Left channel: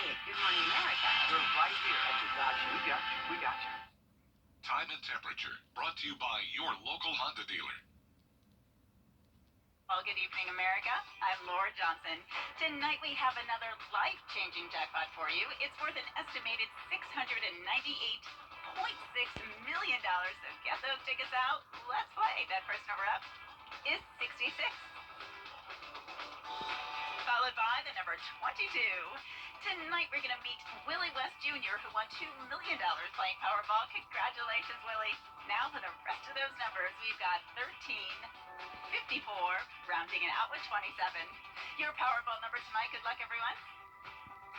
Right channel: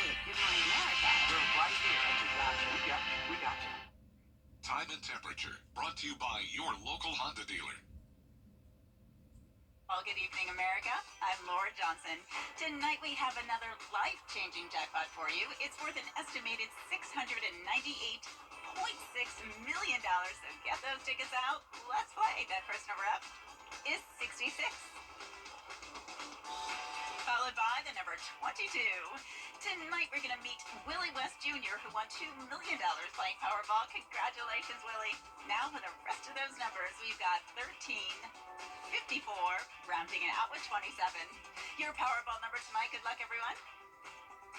tonight at Good Morning America. We're right here, and we got you. We got you. Time and temperature brought to you by your local Honda dealer. Well, good evening, America. I'm Laura Johnson. Tonight we have another life-changing jackpot for you. It's worth an estimated $698.6 million. So get those tickets out. Let's play. That first number up is 66. Followed by the number 22. Tonight we're going to meet Willie West Jr., who won $2 million playing Powerball. Congratulations, Willie. Now for the rest of those numbers, we've got 13, 54, rounding it out with 27. Your Powerball number tonight, good luck everyone,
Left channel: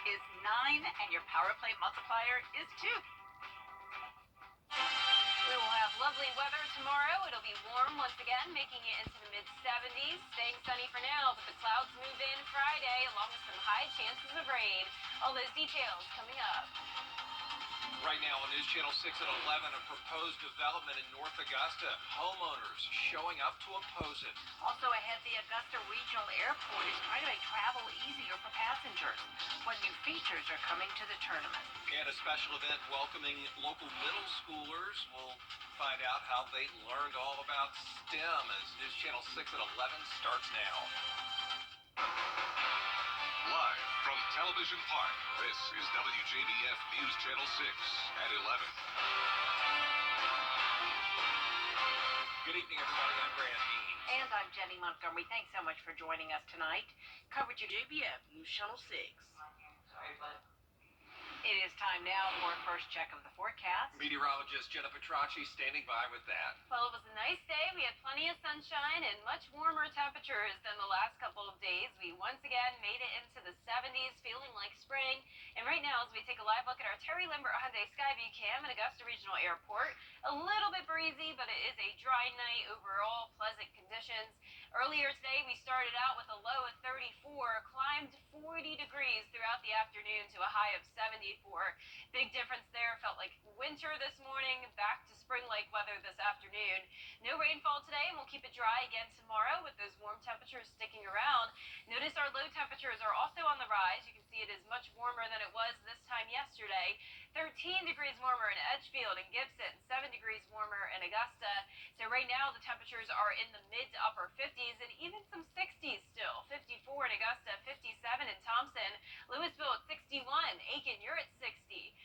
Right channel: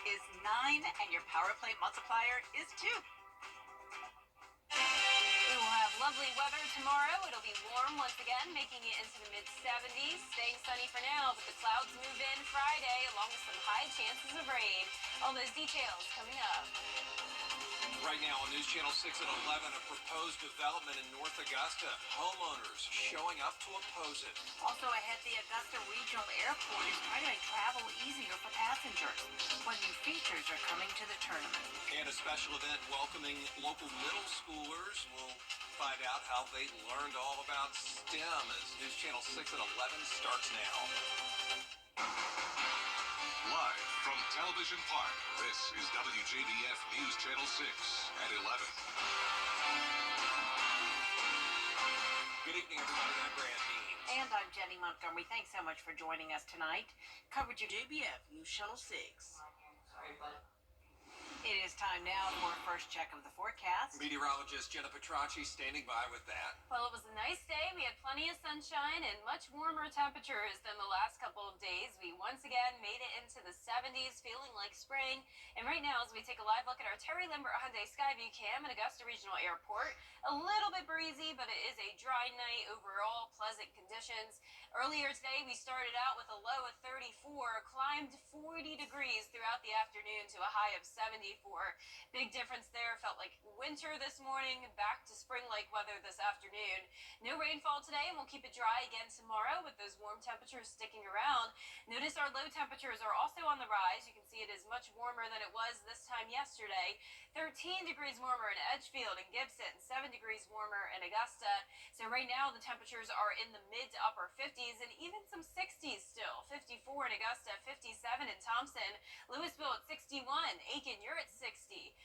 is 9, and your Power Play multiplier is 2. We will have lovely weather tomorrow. It'll be warm once again, making it into the mid-70s. Staying sunny for now, but the clouds move in Friday, along with some high chances of rain. All those details coming up. Right now on News Channel 6 at 11, a proposed development in North Augusta. Homeowners showing up to oppose it. Also ahead, the Augusta Regional Airport is trying to make travel easier for passengers. What new features are coming to the tournament? And a special event welcoming local middle schoolers. We'll find out how they learned all about STEM as News Channel 6 at 11 starts now. Live from Television Park, this is WJBF News Channel 6 at 11. Good evening, everybody. I'm Brand Dean. And I'm Jenny Montgomery. Thanks so much for joining us tonight. Coverage of WJBF News Channel 6. Sorry, bud. It is time now for a first check of the forecast. Meteorologist Jenna Petracci standing by with that. Well, it was a nice day. We had plenty of sunshine and much warmer temperatures than the last couple of days. We once again made it into the 70s, feeling like spring. And right now, as we take a live look at our Terry Limbert Hyundai Skyview cam at Augusta Regional Airport, a little bit breezy, but it is a dry night overall, pleasant conditions. Earlier today, we started out with a low of 34, climbed 40 degrees throughout the afternoon to a high of 74. Big difference there. Felt like winter this morning, back to spring-like weather this afternoon. No rainfall today, and we'll keep it dry again tomorrow with those warm temperatures sticking around. Notice our low temperatures are also on the rise. You can see it is much warmer than it was this time yesterday. 13 degrees warmer in Edgefield and Gibson, 7 degrees warmer in Augusta. So right now the temperatures are in the mid to upper 50s and even some 60s still. 54 in Augusta, 57 in Thompson, Louisville at 61, Aiken, you're at 60.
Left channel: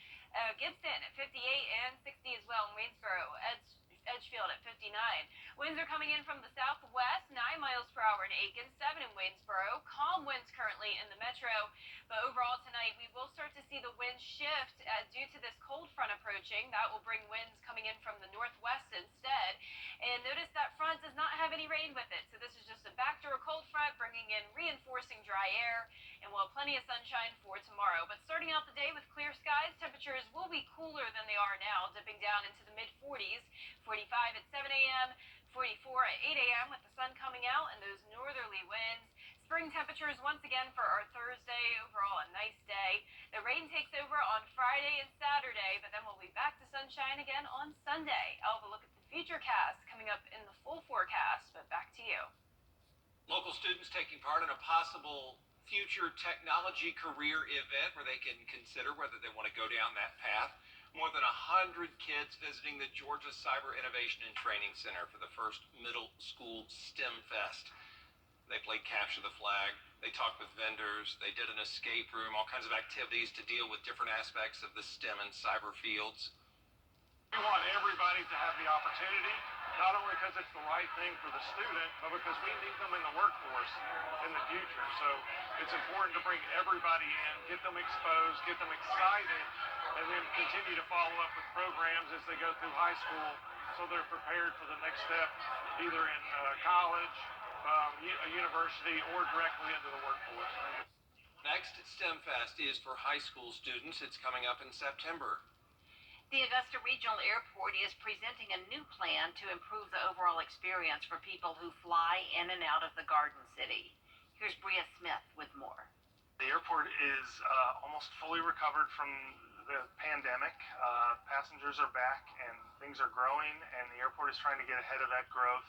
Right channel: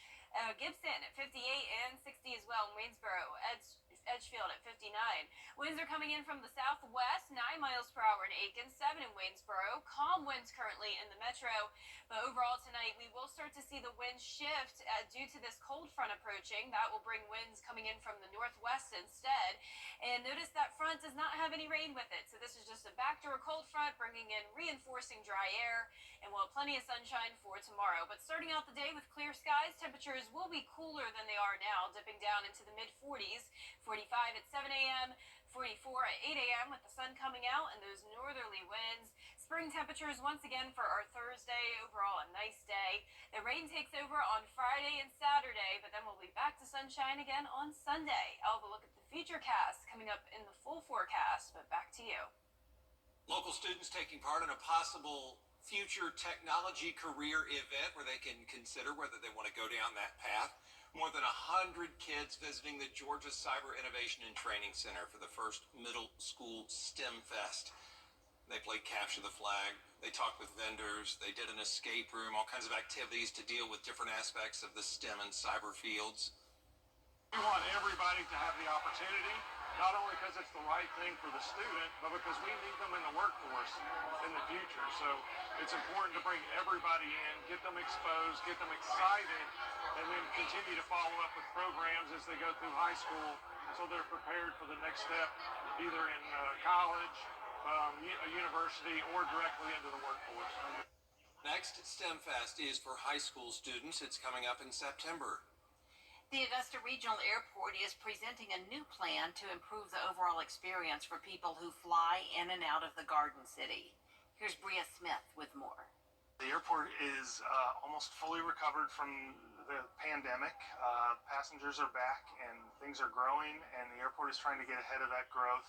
Gibson at 58 and 60 as well in Waynesboro. Edgefield at 59. Winds are coming in from the southwest, 9 miles per hour in Aiken, 7 in Waynesboro. Calm winds currently in the metro. But overall tonight, we will start to see the wind shift due to this cold front approaching. That will bring winds coming in from the northwest instead. And notice that front does not have any rain with it. So this is just a backdoor cold front bringing in reinforcing dry air. And we'll have plenty of sunshine for tomorrow. But starting out the day with clear skies, temperatures will be cooler than they are now, dipping down into the mid-40s. 45 at 7 a.m., 44 at 8 a.m. with the sun coming out and those northerly winds. Spring temperatures once again for our Thursday. Overall, a nice day. The rain takes over on Friday and Saturday, but then we'll be back to sunshine again on Sunday. I'll have a look at the futurecast coming up in the full forecast, but back to you. Local students taking part in a possible future technology career event where they can consider whether they want to go down that path. More than 100 kids visiting the Georgia Cyber Innovation and Training Center for the first middle school STEM Fest. They played Capture the Flag. They talked with vendors. They did an escape room, all kinds of activities to deal with different aspects of the STEM and cyber fields. We want everybody to have the opportunity, not only because it's the right thing for the student, but because we need them in the workforce in the future. So it's important to bring everybody in, get them exposed, get them excited, and then continue to follow up with programs as they go through high school so they're prepared for the next step, either in college, a university, or directly into the workforce. Next, STEM Fest is for high school students. It's coming up in September. The Augusta Regional Airport is presenting a new plan to improve the overall experience for people who fly in and out of the Garden City. Here's Bria Smith with more. The airport is almost fully recovered from the pandemic. Passengers are back and things are growing, and the airport is trying to get ahead of that growth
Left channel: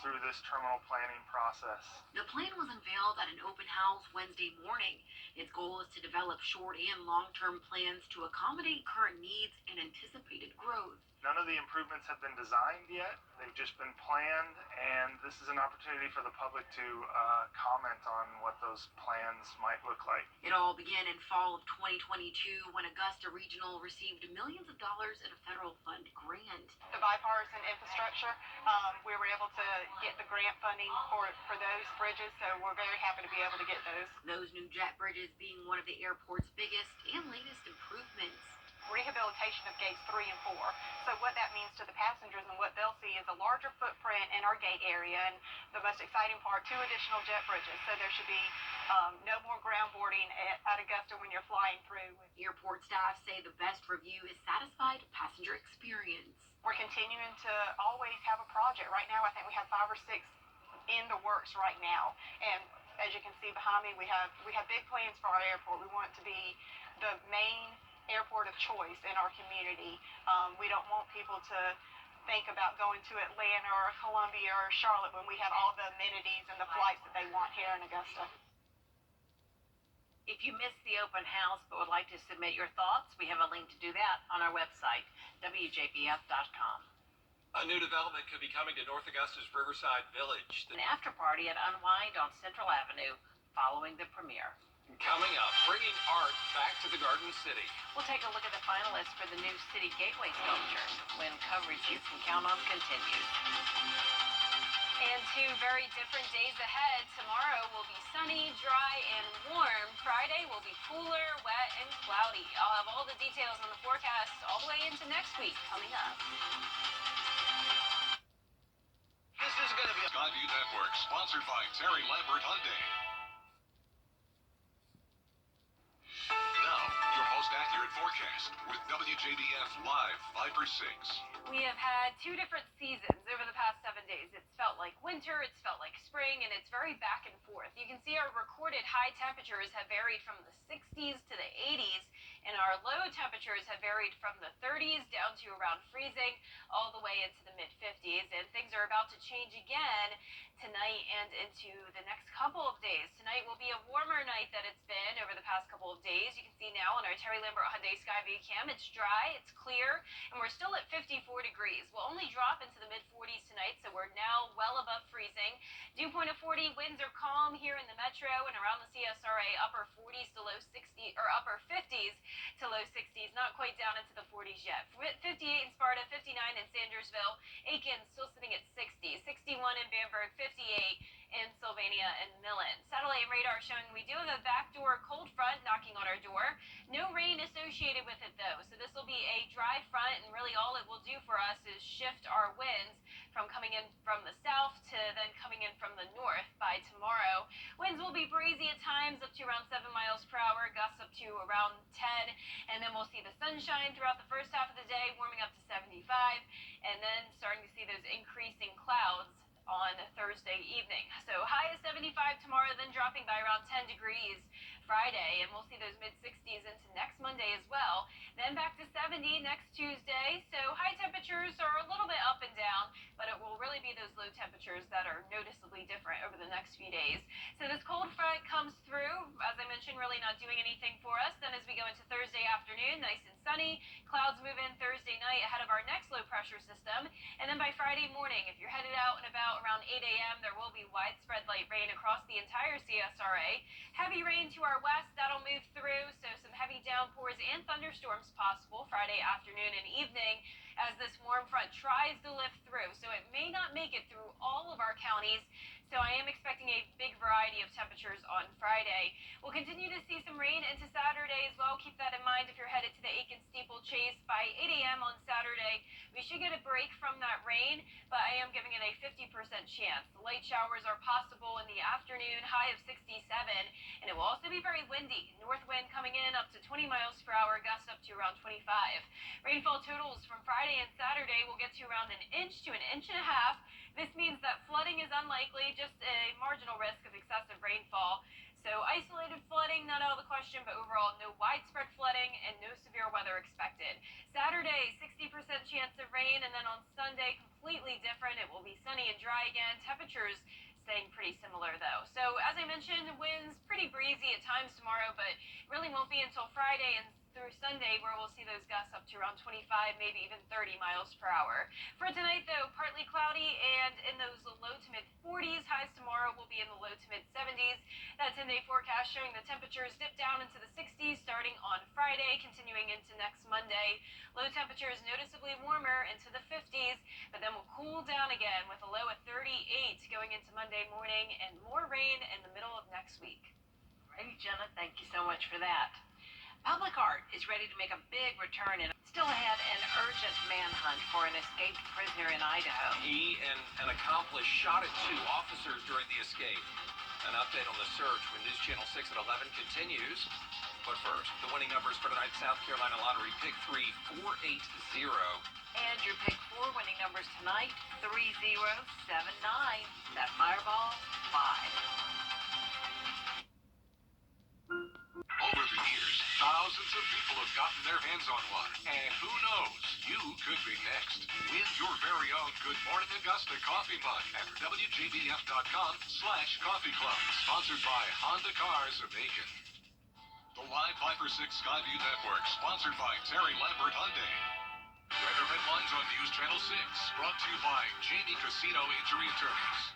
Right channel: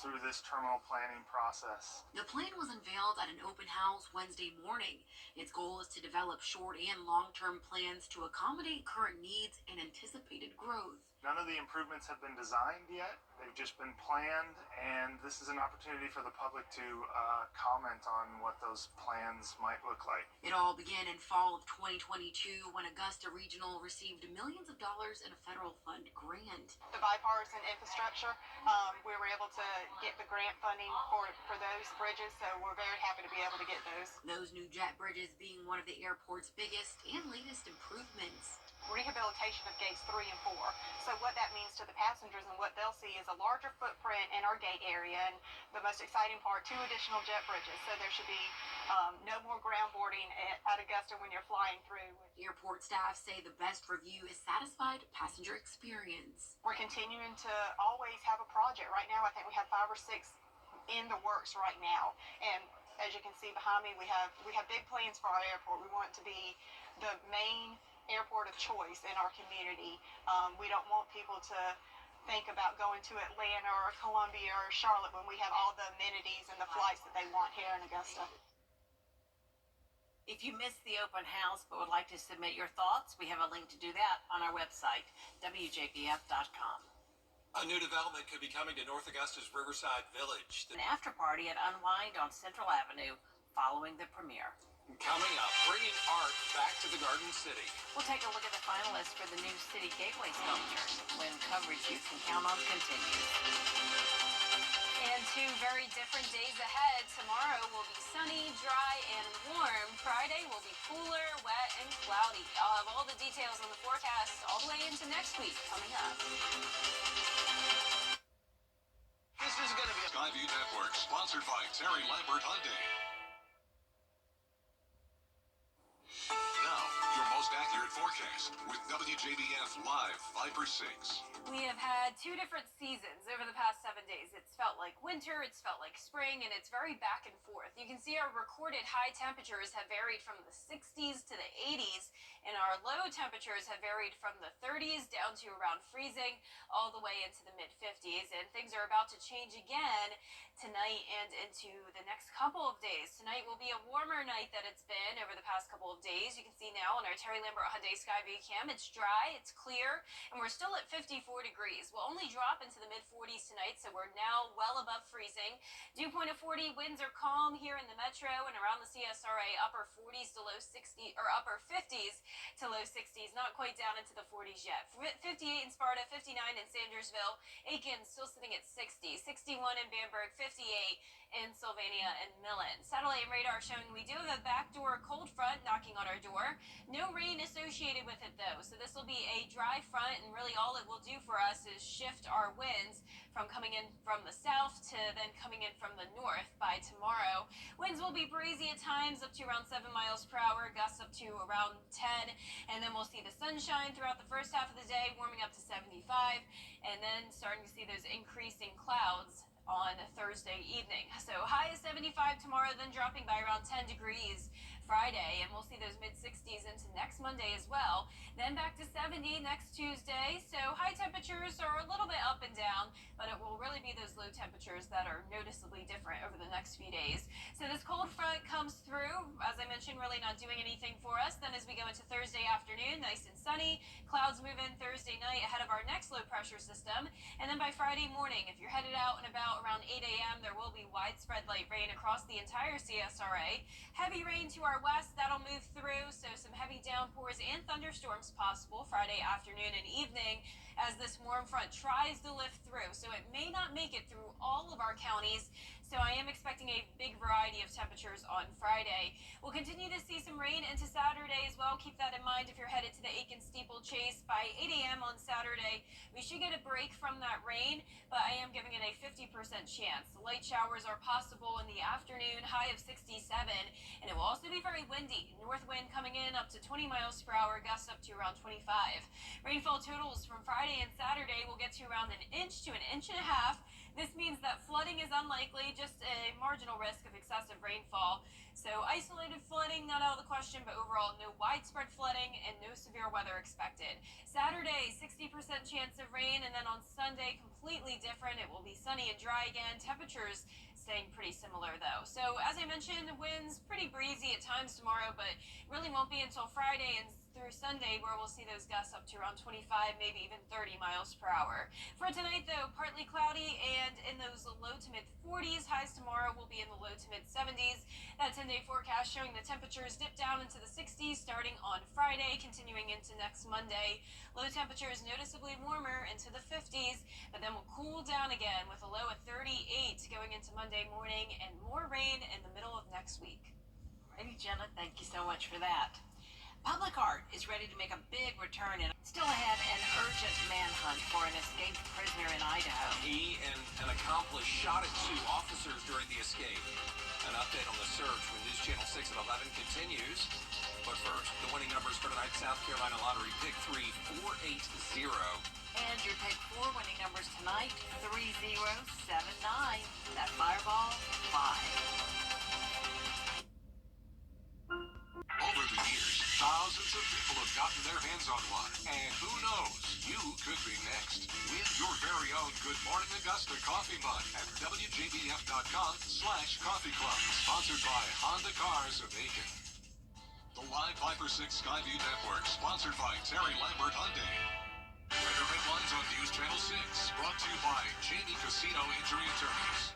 through this terminal planning process. The plan was unveiled at an open house Wednesday morning. Its goal is to develop short and long-term plans to accommodate current needs and anticipated growth. None of the improvements have been designed yet. They've just been planned, and this is an opportunity for the public to comment on what those plans might look like. It all began in fall of 2022 when Augusta Regional received millions of dollars in a federal fund grant. The bipartisan infrastructure, we were able to get the grant funding for those bridges, so we're very happy to be able to get those. Those new jet bridges being one of the airport's biggest and latest improvements. Rehabilitation of gates 3 and 4. So what that means to the passengers and what they'll see is a larger footprint in our gate area, and the most exciting part, 2 additional jet bridges. So there should be no more ground boarding at Augusta when you're flying through. Airport staff say the best review is satisfied passenger experience. We're continuing to always have a project. Right now, I think we have 5 or 6 in the works right now, and as you can see behind me, we have big plans for our airport. We want it to be the main airport of choice in our community. We don't want people to think about going to Atlanta or Columbia or Charlotte when we have all the amenities and the flights that they want here in Augusta. If you missed the open house but would like to submit your thoughts, we have a link to do that on our website, WJBF.com. A new development could be coming to North Augusta's Riverside Village. An after party at Unwind on Central Avenue following the premiere. Coming up, bringing art back to the Garden City. We'll take a look at the finalists for the new City Gateway sculpture when coverage you can count on continues. And 2 very different days ahead. Tomorrow will be sunny, dry, and warm. Friday will be cooler, wet, and cloudy. I'll have all the details on the forecast all the way into next week coming up. This is going to be Skyview Network, sponsored by Terry Lambert Hyundai. Now, your most accurate forecast with WJBF Live Viper 6. We have had 2 different seasons over the past 7 days. It's felt like winter, it's felt like spring, and it's very back and forth. You can see our recorded high temperatures have varied from the 60s to the 80s, and our low temperatures have varied from the 30s down to around freezing, all the way into the mid-50s. And things are about to change again tonight and into the next couple of days. Tonight will be a warmer night than it's been over the past couple of days. You can see now on our Terry Lambert Hyundai Skyview cam, it's dry, it's clear, and we're still at 54 degrees. We'll only drop into the mid-40s tonight, so we're now well above freezing. Dew point of 40, winds are calm here in the metro and around the CSRA, upper 40s to low 60s, or upper 50s to low 60s, not quite down into the 40s yet. 58 in Sparta, 59 in Sandersville, Aiken still sitting at 60, 61 in Bamberg, 58 in Sylvania and Millen. Satellite radar showing we do have a backdoor cold front knocking on our door. No rain associated with it though, so this will be a dry front, and really all it will do for us is shift our winds from coming in from the south to then coming in from the north by tomorrow. Winds will be breezy at times, up to around 7 miles per hour, gusts up to around 10, and then we'll see the sunshine throughout the first half of the day, warming up to 75, and then starting to see those increasing clouds on Thursday evening. So high is 75 tomorrow, then dropping by around 10 degrees Friday, and we'll see those mid-60s into next Monday as well. Then back to 70 next Tuesday. So high temperatures are a little bit up and down, but it will really be those low temperatures that are noticeably different over the next few days. So this cold front comes through, as I mentioned, really not doing anything for us. Then as we go into Thursday afternoon, nice and sunny. Clouds move in Thursday night ahead of our next low pressure system. And then by Friday morning, if you're headed out and about around 8 a.m., there will be widespread light rain across the entire CSRA. Heavy rain to our west, that'll move through, so some heavy downpours and thunderstorms possible Friday afternoon and evening as this warm front tries to lift through. So it may not make it through all of our counties, so I am expecting a big variety of temperatures on Friday. We'll continue to see some rain into Saturday as well. Keep that in mind if you're headed to the Aiken Steeplechase by 8 a.m. on Saturday. We should get a break from that rain, but I am giving it a 50% chance. Light showers are possible in the afternoon, high of 67, and it will also be very windy. North wind coming in up to 20 miles per hour, gusts up to around 25. Rainfall totals from Friday and Saturday will get to around 1 inch to 1.5 inches. This means that flooding is unlikely, just a marginal risk of excessive rainfall. So isolated flooding, not out of the question, but overall no widespread flooding and no severe weather expected. Saturday, 60% chance of rain, and then on Sunday, completely different. It will be sunny and dry again. Temperatures staying pretty similar though. So as I mentioned, winds pretty breezy at times tomorrow, but it really won't be until Friday and through Sunday where we'll see those gusts up to around 25, maybe even 30 miles per hour. For tonight though, partly cloudy and in those low to mid 40s. Highs tomorrow will be in the low to mid 70s. That 10-day forecast showing the temperatures dip down into the 60s starting on Friday, continuing into next Monday. Low temperatures noticeably warmer into the 50s, but then will cool down again with a low of 38 going into Monday morning and more rain in the middle of next week. Alrighty, Jenna, thank you so much for that. Public Art is ready to make a big return and still ahead an urgent manhunt for an escaped prisoner in Idaho. He and an accomplice shot at 2 officers during the escape. An update on the search when News Channel 6 at 11 continues. But first, the winning numbers for tonight's South Carolina Lottery Pick 3, 480. And your Pick 4 winning numbers tonight, 3079. That Fireball 5. Over the years, thousands of people have gotten their hands on one. And who knows, you could be next. Win your very own Good Morning Augusta coffee mug at WJBF.com/coffee club. Sponsored by Honda Cars of Aiken. The Live Viper 6 Skyview Network, sponsored by Terry Lambert Hyundai. Weather headlines on News Channel 6, brought to you by Jamie Casino Injury Attorneys.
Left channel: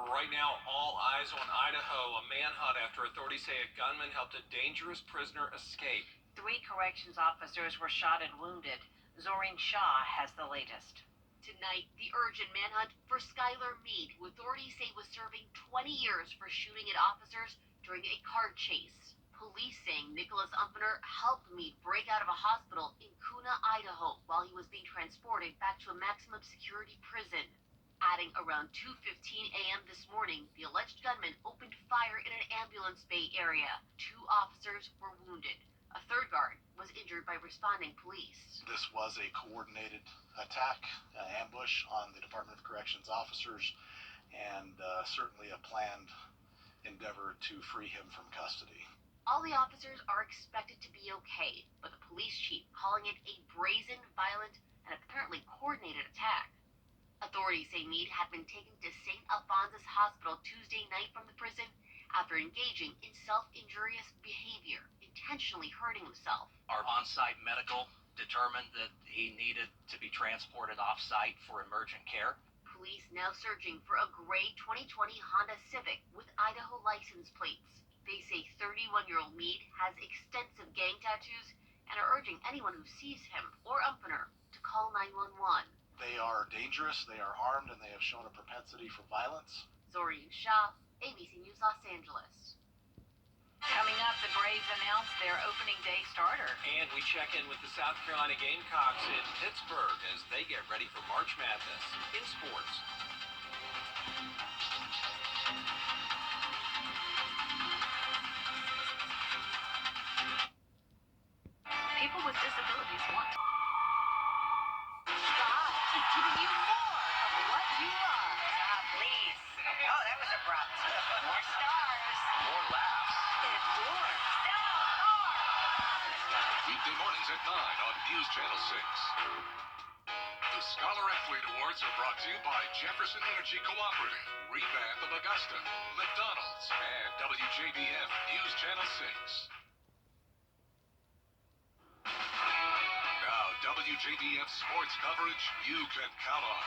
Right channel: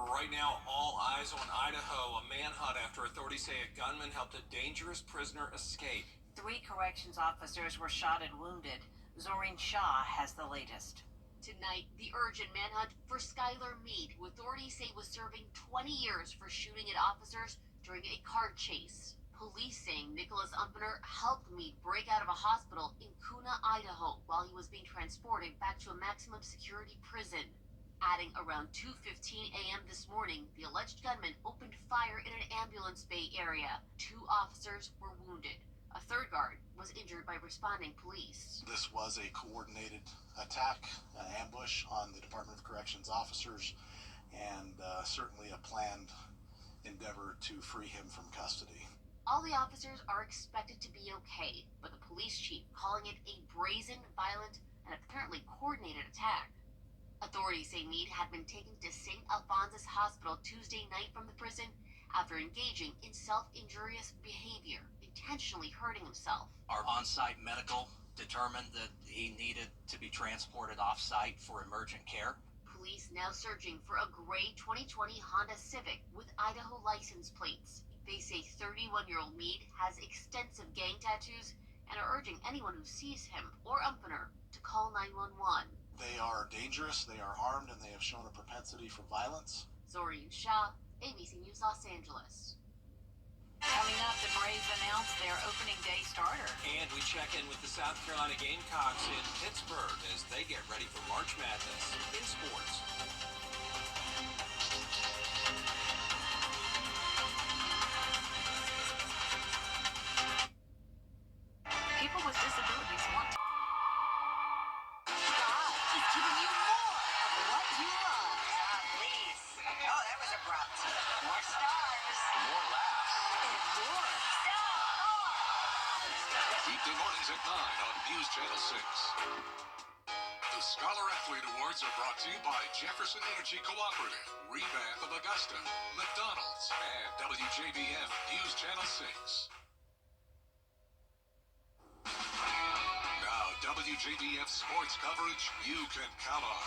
Right now, all eyes on Idaho. A manhunt after authorities say a gunman helped a dangerous prisoner escape. 3 corrections officers were shot and wounded. Zorin Shah has the latest. Tonight, the urgent manhunt for Skylar Mead, who authorities say was serving 20 years for shooting at officers during a car chase. Police saying Nicholas Umpner helped Mead break out of a hospital in Kuna, Idaho, while he was being transported back to a maximum security prison. Adding around 2:15 a.m. this morning, the alleged gunman opened fire in an ambulance bay area. 2 officers were wounded. A 3rd guard was injured by responding police. This was a coordinated attack, an ambush on the Department of Corrections officers, and certainly a planned endeavor to free him from custody. All the officers are expected to be okay, but the police chief calling it a brazen, violent, and apparently coordinated attack. Authorities say Mead had been taken to St. Alphonsus Hospital Tuesday night from the prison after engaging in self-injurious behavior, intentionally hurting himself. Our on-site medical determined that he needed to be transported off-site for emergent care. Police now searching for a gray 2020 Honda Civic with Idaho license plates. They say 31-year-old Mead has extensive gang tattoos and are urging anyone who sees him or Umpner to call 911. They are dangerous, they are armed, and they have shown a propensity for violence. Zorin Shah, ABC News Los Angeles. Coming up, the Braves announced their opening day starter. And we check in with the South Carolina Gamecocks in Pittsburgh as they get ready for March Madness in sports. People with disabilities want Giving you more of what you love. Please. Oh, that was abrupt. More stars. More laughs. And more stars. Weekday mornings at 9 on News Channel 6. The Scholar Athlete Awards are brought to you by Jefferson Energy Cooperative, Revamp of Augusta, McDonald's, and WJBF News Channel 6. WJBF sports coverage you can count on.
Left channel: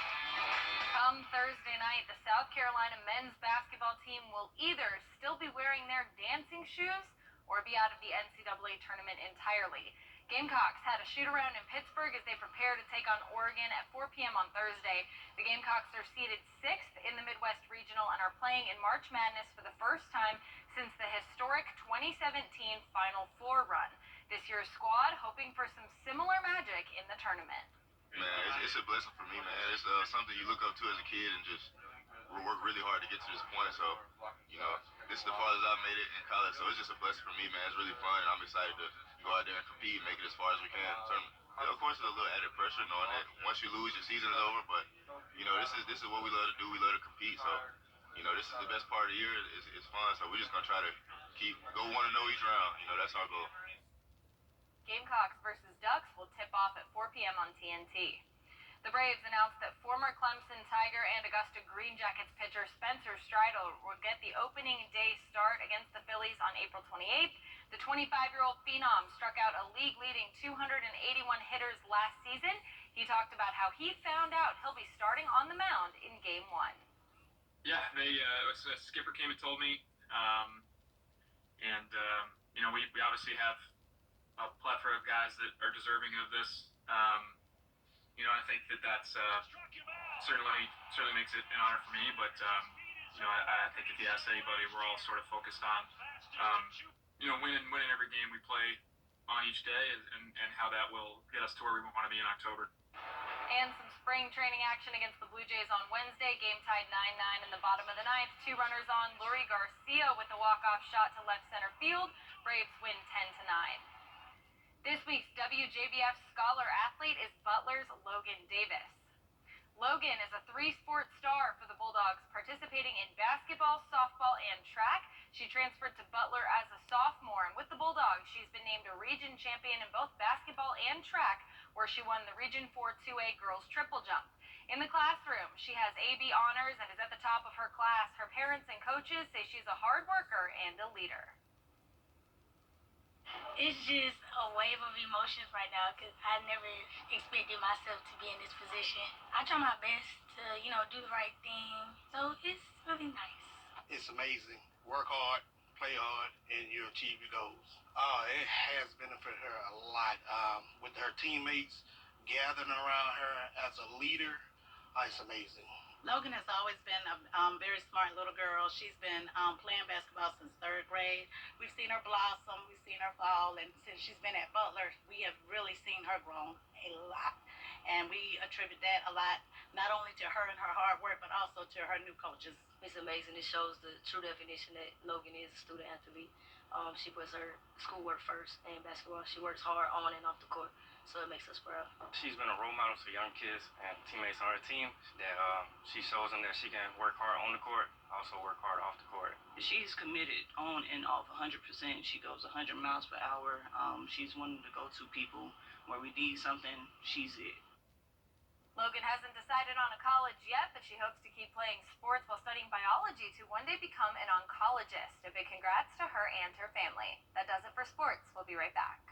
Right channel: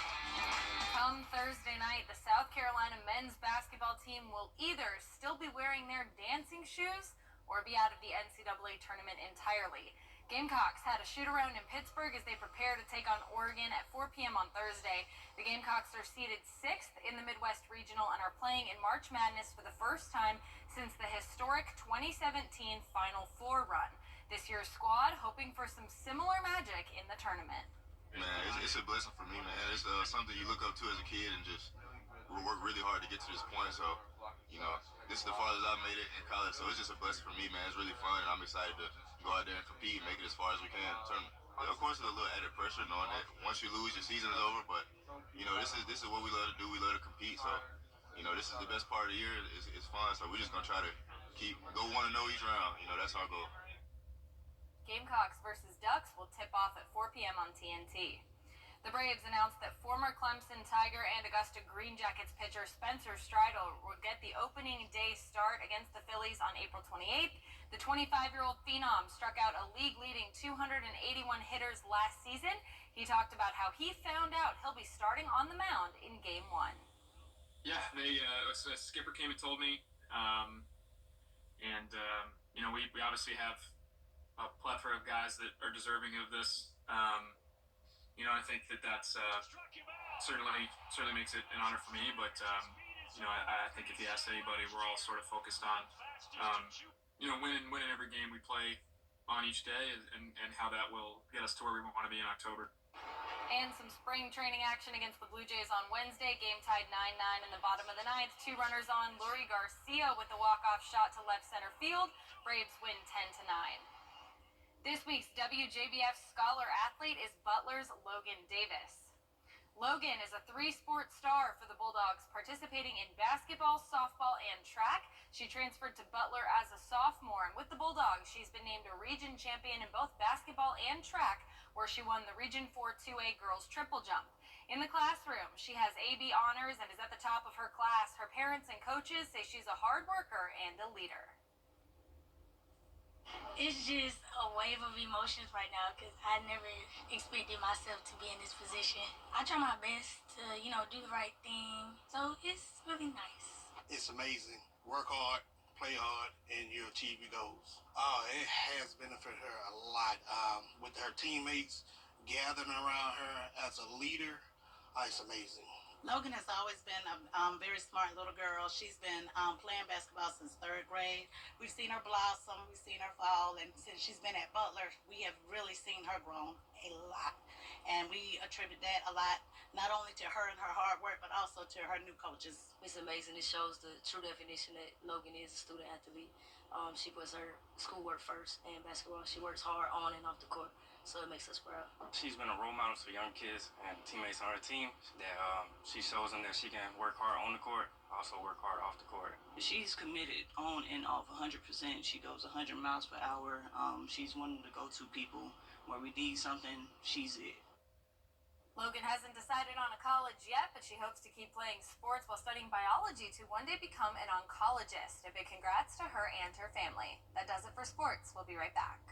Come Thursday night, the South Carolina men's basketball team will either still be wearing their dancing shoes or be out of the NCAA tournament entirely. Gamecocks had a shoot-around in Pittsburgh as they prepare to take on Oregon at 4 p.m. on Thursday. The Gamecocks are seeded 6th in the Midwest Regional and are playing in March Madness for the first time since the historic 2017 Final Four run. This year's squad hoping for some similar magic in the tournament. Man, it's a blessing for me, man. It's something you look up to as a kid and just work really hard to get to this point. So, this is the farthest I've made it in college. So it's just a blessing for me, man. It's really fun, and I'm excited to go out there and compete and make it as far as we can in the tournament. Of course, there's a little added pressure knowing that once you lose, your season is over. But, this is what we love to do. We love to compete. So you know, this is the best part of the year. It's fun, so we're just gonna try to go 1-0 each round. You know, that's our goal. Gamecocks versus Ducks will tip off at 4 p.m. on TNT. The Braves announced that former Clemson Tiger and Augusta Green Jackets pitcher Spencer Strider will get the opening day start against the Phillies on April 28th. The 25-year-old phenom struck out a league-leading 281 hitters last season. He talked about how he found out he'll be starting on the mound in Game 1. Yeah, a skipper came and told me, you know, we obviously have a plethora of guys that are deserving of this. You know, I think that's certainly makes it an honor for me. But you know, I think if you ask anybody, we're all sort of focused on you know, winning every game we play on each day, and how that will get us to where we want to be in October. And some spring training action against the Blue Jays on Wednesday. Game tied 9-9 in the bottom of the ninth. 2 runners on. Lurie Garcia with a walk-off shot to left center field. Braves win 10-9. This week's WJBF Scholar Athlete is Butler's Logan Davis. Logan is a 3-sport star for the Bulldogs, participating in basketball, softball, and track. She transferred to Butler as a sophomore, and with the Bulldogs, she's been named a region champion in both basketball and track, where she won the Region 4 2A girls triple jump. In the classroom, she has AB honors and is at the top of her class. Her parents and coaches say she's a hard worker and a leader. It's just a wave of emotions right now because I never expected myself to be in this position. I try my best to, you know, do the right thing. So it's really nice. It's amazing. Work hard, play hard, and you achieve your goals. It has benefited her a lot. With her teammates gathering around her as a leader, it's amazing. Logan has always been a very smart little girl. She's been playing basketball since 3rd grade. We've seen her blossom, we've seen her fall, and since she's been at Butler, we have really seen her grow a lot. And we attribute that a lot, not only to her and her hard work, but also to her new coaches. It's amazing. It shows the true definition that Logan is a student athlete. She puts her schoolwork first, and basketball, she works hard on and off the court. So it makes us proud. She's been a role model for young kids and teammates on her team that she shows them that she can work hard on the court, also work hard off the court. She's committed on and off 100%. She goes 100 miles per hour. She's one of the go-to people. Where we need something, she's it. Logan hasn't decided on a college yet, but she hopes to keep playing sports while studying biology to one day become an oncologist. A big congrats to her and her family. That does it for sports. We'll be right back.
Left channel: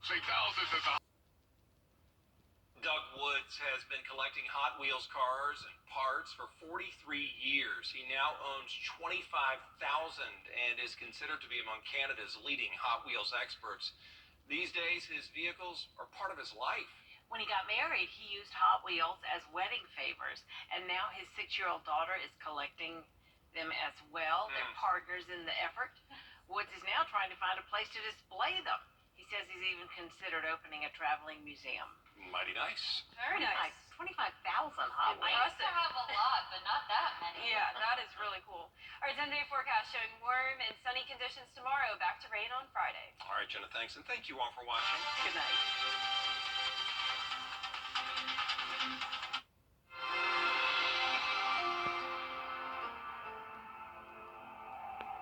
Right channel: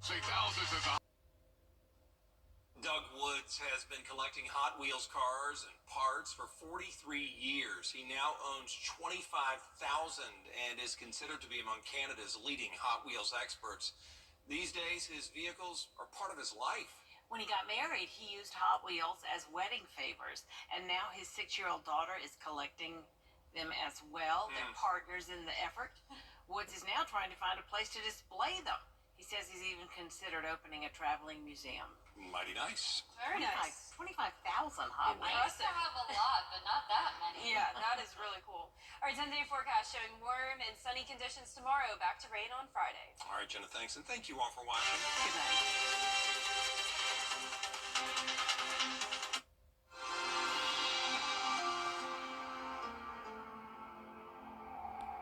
Say thousands of Doug Woods has been collecting Hot Wheels cars and parts for 43 years. He now owns 25,000 and is considered to be among Canada's leading Hot Wheels experts. These days, his vehicles are part of his life. When he got married, he used Hot Wheels as wedding favors, and now his 6-year-old daughter is collecting them as well. They're partners in the effort. Woods is now trying to find a place to display them. He says he's even considered opening a traveling museum. Mighty nice. Very nice. 25,000 Hot Wheels. I used to have a lot, but not that many. Yeah, that is really cool. All right, 10-day forecast showing warm and sunny conditions tomorrow. Back to rain on Friday. All right, Jenna, thanks. And thank you all for watching. Good night.